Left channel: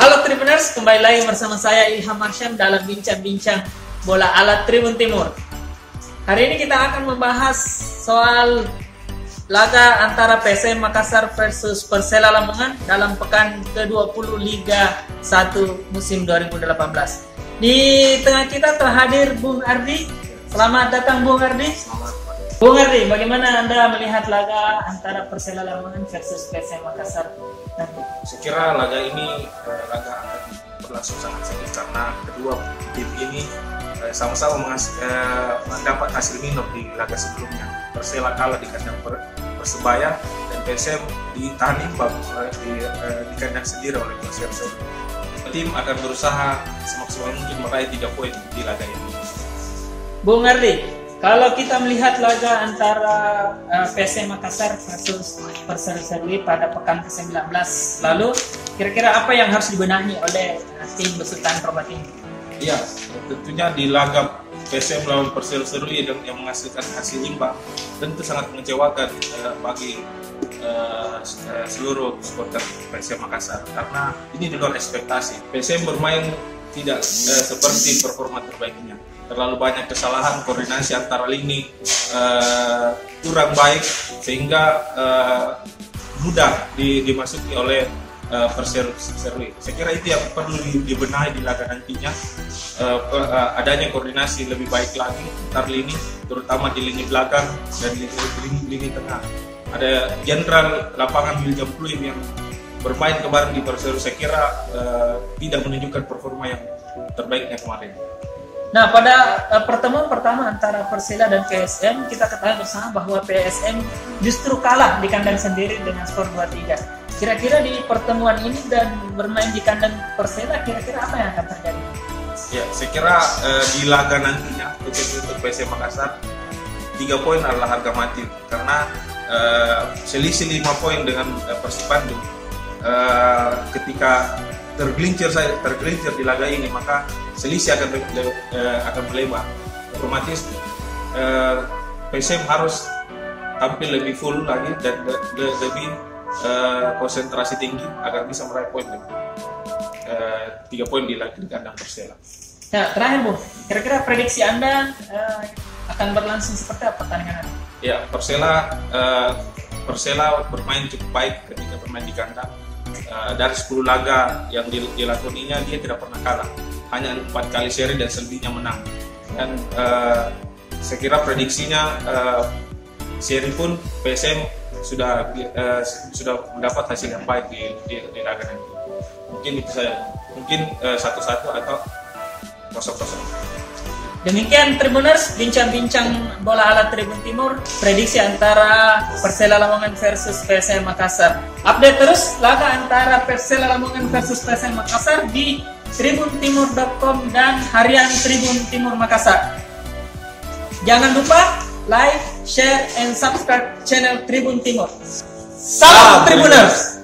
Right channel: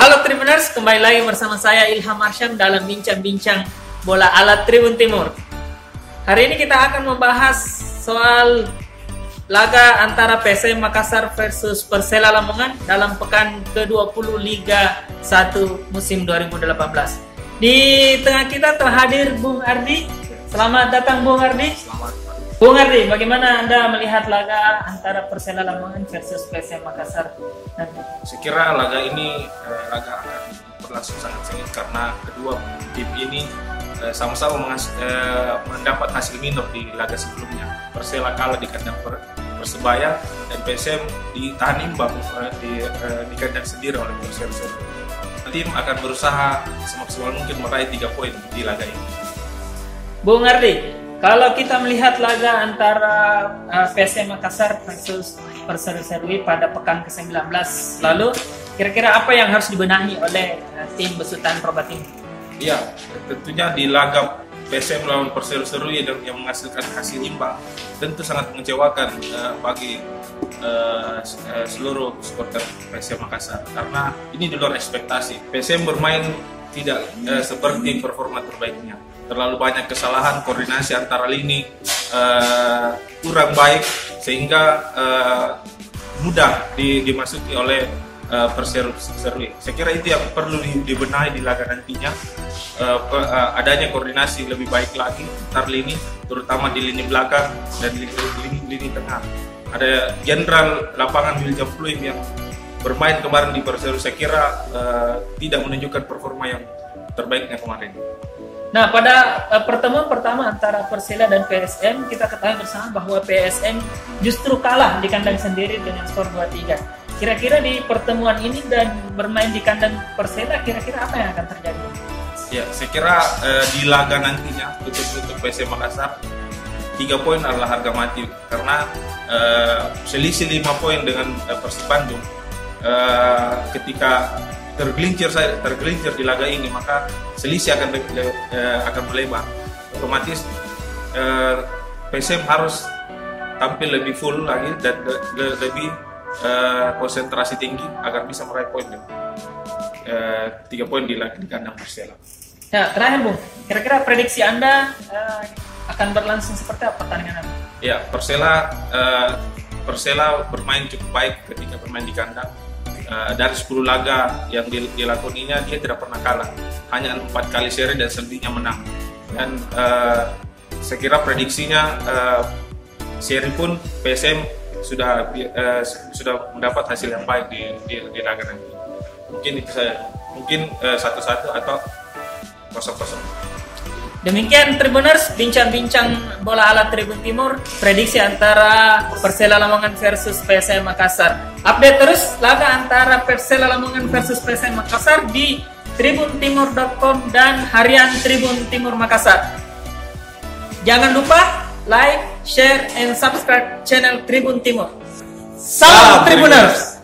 Halo Tribuners, kembali lagi bersama saya Ilham Arsyam dalam bincang-bincang bola ala Tribun Timur. Hari ini kita akan membahas soal laga antara PSM Makassar versus Persela Lamongan dalam pekan ke-20 Liga 1 musim 2018. Di tengah kita telah hadir Bung Ardi. Selamat datang Bung Ardi. Selamat. Bung Ardi, bagaimana Anda melihat laga antara Persela Lamongan versus PSM Makassar nanti? Saya kira laga ini laga akan berlangsung sangat sengit karena kedua tim ini sama-sama mendapat hasil minor di laga sebelumnya. Persela kalah di kandang Persebaya dan PSM ditahan imbang di kandang sendiri oleh Persela. Tim akan berusaha semaksimal mungkin meraih 3 poin di laga ini. Bung Ardi, kalau kita melihat laga antara PSM Makassar versus Persela Serui pada pekan ke-19 lalu, kira-kira apa yang harus dibenahi oleh tim besutan Robat ini? Iya, tentunya di laga PSM lawan Persela Serui yang menghasilkan hasil imbang tentu sangat mengecewakan bagi seluruh supporter PSM Makassar karena ini di luar ekspektasi. PSM bermain tidak seperti performa terbaiknya. Terlalu banyak kesalahan koordinasi antara lini, kurang baik sehingga mudah dimasuki oleh Persela Serui. Saya kira itu yang perlu dibenahi di laga nantinya. Adanya koordinasi lebih baik lagi antar lini, terutama di lini belakang dan lini tengah. Ada jenderal lapangan William Pluim yang bermain kemarin di Persela, saya kira tidak menunjukkan performa yang terbaiknya kemarin. Nah, pada pertemuan pertama antara Persela dan PSM, kita ketahui bersama bahwa PSM justru kalah di kandang sendiri dengan skor 2-3. Kira-kira di pertemuan ini dan bermain di kandang Persela, kira-kira apa yang akan terjadi? Ya, saya kira di laga nantinya untuk PSM Makassar 3 poin adalah harga mati karena selisih 5 poin dengan Persib Bandung. Ketika tergelincir di laga ini, maka selisih akan melebar. Otomatis PSM harus tampil lebih full lagi dan lebih konsentrasi tinggi agar bisa meraih poin 3 poin di kandang Persela. Nah, terakhir Bung, kira-kira prediksi Anda akan berlangsung seperti apa pertandingan ini? Ya, Persela bermain cukup baik ketika bermain di kandang. Dari 10 laga yang dilakoninya dia tidak pernah kalah, hanya 4 kali seri dan selebihnya menang. Dan saya kira prediksinya seri pun PSM sudah mendapat hasil yang baik di laga nanti. Mungkin itu saja, mungkin 1-1 atau 0-0. Demikian Tribuners, bincang-bincang bola ala Tribun Timur, prediksi antara Persela Lamongan versus PSM Makassar. Update terus laga antara Persela Lamongan versus PSM Makassar di tribuntimur.com dan harian Tribun Timur Makassar. Jangan lupa like, share, and subscribe channel Tribun Timur. Salam Tribuners!